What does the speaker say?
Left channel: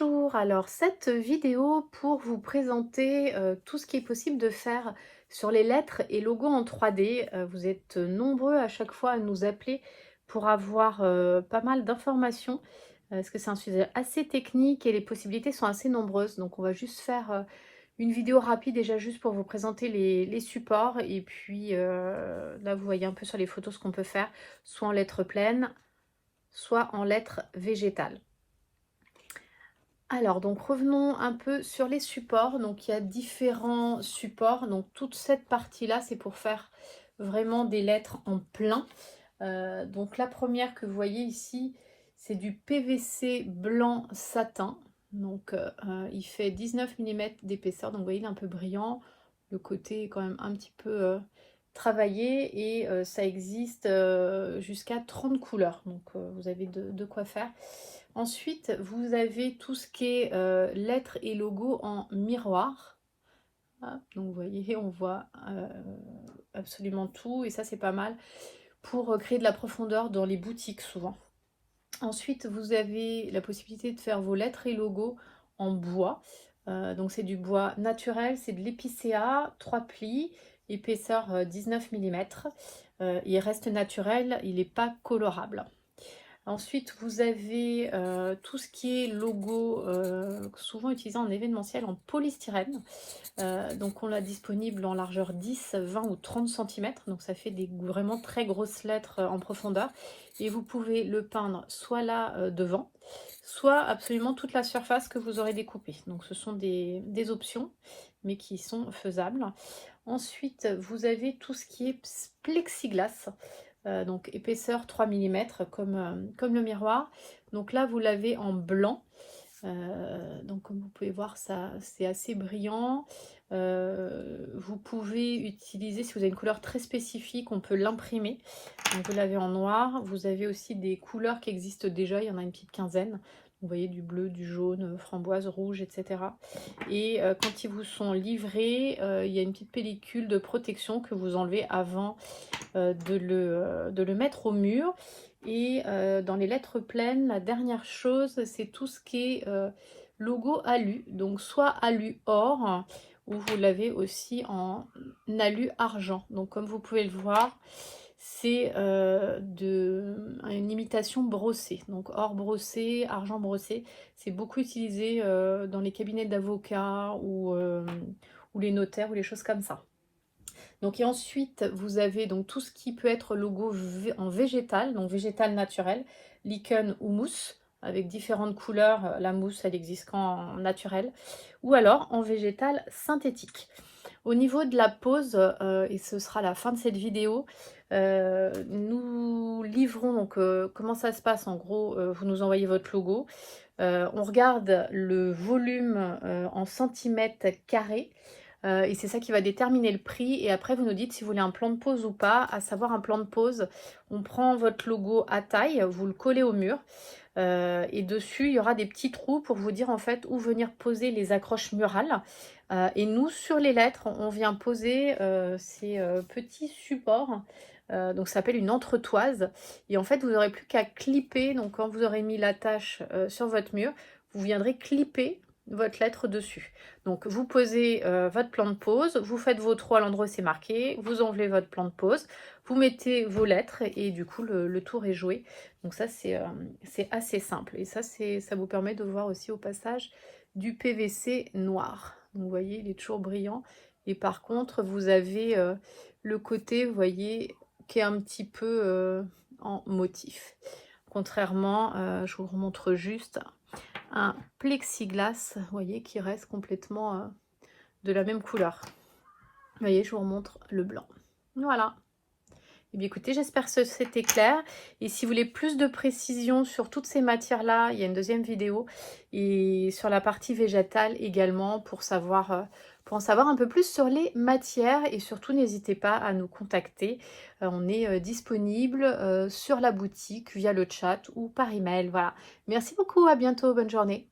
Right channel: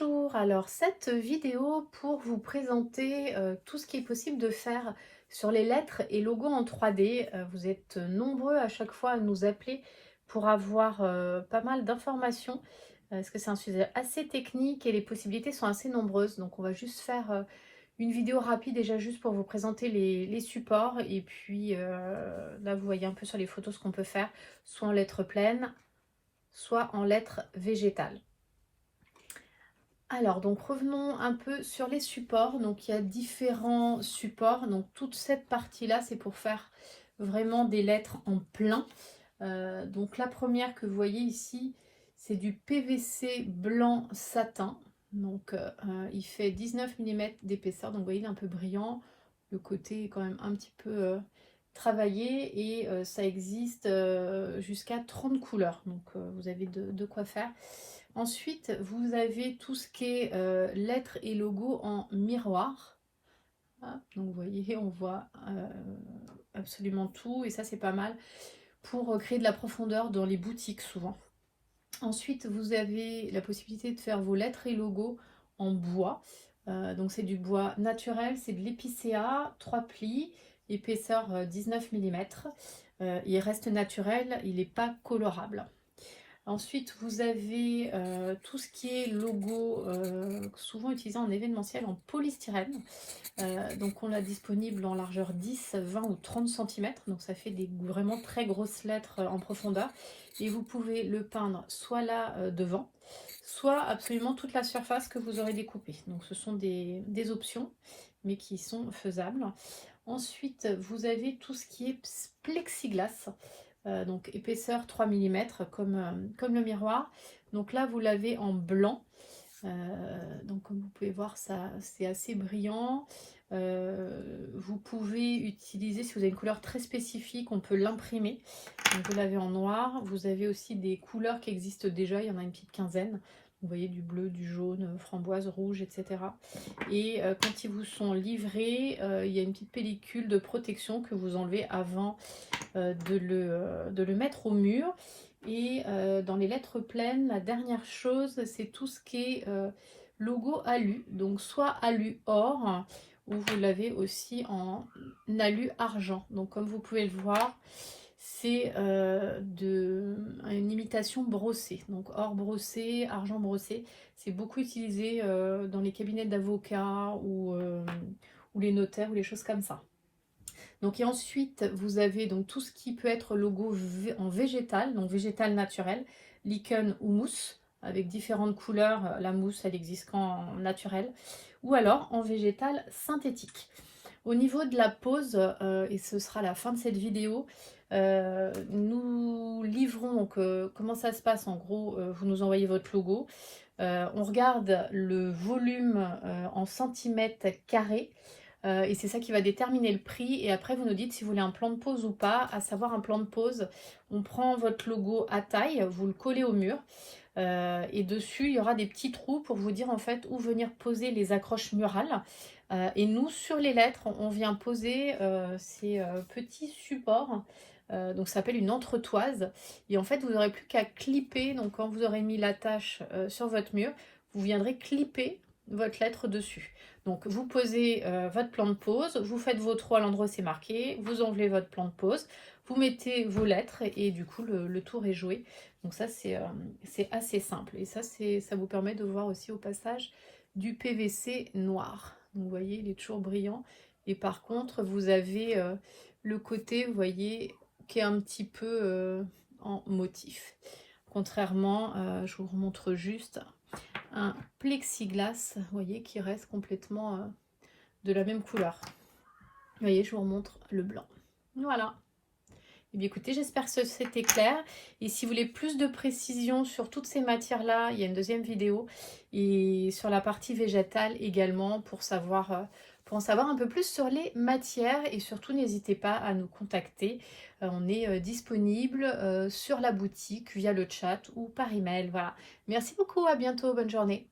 Bonjour, alors cette vidéo pour vous présenter tout ce qui est possible de faire sur les lettres et logos en 3D. Vous êtes nombreux à chaque fois à nous appeler pour avoir pas mal d'informations, parce que c'est un sujet assez technique et les possibilités sont assez nombreuses. Donc on va juste faire une vidéo rapide déjà juste pour vous présenter les supports. Et puis là vous voyez un peu sur les photos ce qu'on peut faire, soit en lettres pleines, soit en lettres végétales. Alors, donc revenons un peu sur les supports. Donc, il y a différents supports. Donc, toute cette partie-là, c'est pour faire vraiment des lettres en plein. Donc, la première que vous voyez ici, c'est du PVC blanc satin. Donc, il fait 19 mm d'épaisseur. Donc, vous voyez, il est un peu brillant. Le côté est quand même un petit peu travaillé. Et ça existe jusqu'à 30 couleurs. Donc, vous avez de quoi faire. Ensuite, vous avez tout ce qui est lettres et logos en miroir. Hop, donc vous voyez, on voit absolument tout et ça c'est pas mal pour créer de la profondeur dans les boutiques souvent. Ensuite, vous avez la possibilité de faire vos lettres et logos en bois. Donc c'est du bois naturel, c'est de l'épicéa, 3 plis, épaisseur 19 mm. Il reste naturel, il n'est pas colorable. Ensuite, vous avez tout ce qui est logo, souvent utilisé en événementiel en polystyrène. Donc on l'a disponible en largeur 10, 20 ou 30 cm. Donc ça fait des vraiment très grosses lettres en profondeur. Et vous pouvez le peindre soit là devant, soit absolument toute la surface que vous aurez découpée. Donc ce sont des options, mais qui sont faisables. Ensuite, vous avez tout ce qui est plexiglas. Donc épaisseur 3 mm comme le miroir. Donc là vous l'avez en blanc. Donc comme vous pouvez voir, ça c'est assez brillant. Vous pouvez utiliser, si vous avez une couleur très spécifique, on peut l'imprimer. Donc vous l'avez en noir. Vous avez aussi des couleurs qui existent déjà, il y en a une petite quinzaine. Vous voyez du bleu, du jaune, framboise, rouge, etc. Et quand ils vous sont livrés, il y a une petite pellicule de protection que vous enlevez avant de le mettre au mur. Et dans les lettres pleines, la dernière chose, c'est tout ce qui est logo alu. Donc soit alu or, ou vous l'avez aussi en alu argent. Donc comme vous pouvez le voir, c'est une imitation brossée. Donc or brossé, argent brossé. C'est beaucoup utilisé dans les cabinets d'avocats ou les notaires ou les choses comme ça. Donc, et ensuite, vous avez donc tout ce qui peut être logo en végétal, donc végétal naturel, lichen ou mousse, avec différentes couleurs. La mousse, elle existe qu'en naturel, ou alors en végétal synthétique. Au niveau de la pose, et ce sera la fin de cette vidéo, nous livrons donc comment ça se passe en gros. Vous nous envoyez votre logo, on regarde le volume en centimètres carrés. Et c'est ça qui va déterminer le prix. Et après, vous nous dites si vous voulez un plan de pose ou pas. À savoir, un plan de pose, on prend votre logo à taille, vous le collez au mur. Et dessus, il y aura des petits trous pour vous dire en fait où venir poser les accroches murales. Et nous, sur les lettres, on vient poser ces petits supports. Donc ça s'appelle une entretoise. Et en fait, vous n'aurez plus qu'à clipper. Donc quand vous aurez mis l'attache sur votre mur, vous viendrez clipper votre lettre dessus. Donc vous posez votre plan de pose, vous faites vos trous à l'endroit où c'est marqué, vous enlevez votre plan de pose, vous mettez vos lettres et du coup le tour est joué. Donc ça c'est assez simple et ça vous permet de voir aussi au passage du PVC noir. Donc, vous voyez, il est toujours brillant et par contre vous avez le côté, vous voyez, qui est un petit peu en motif. Contrairement, je vous remontre juste un plexiglas, vous voyez, qui reste complètement de la même couleur. Vous voyez, je vous remontre le blanc. Voilà. Et bien écoutez, j'espère que c'était clair. Et si vous voulez plus de précision sur toutes ces matières-là, il y a une deuxième vidéo. Et sur la partie végétale également, pour en savoir un peu plus sur les matières. Et surtout, n'hésitez pas à nous contacter. On est disponible sur la boutique via le chat ou par email. Voilà. Merci beaucoup, à bientôt, bonne journée.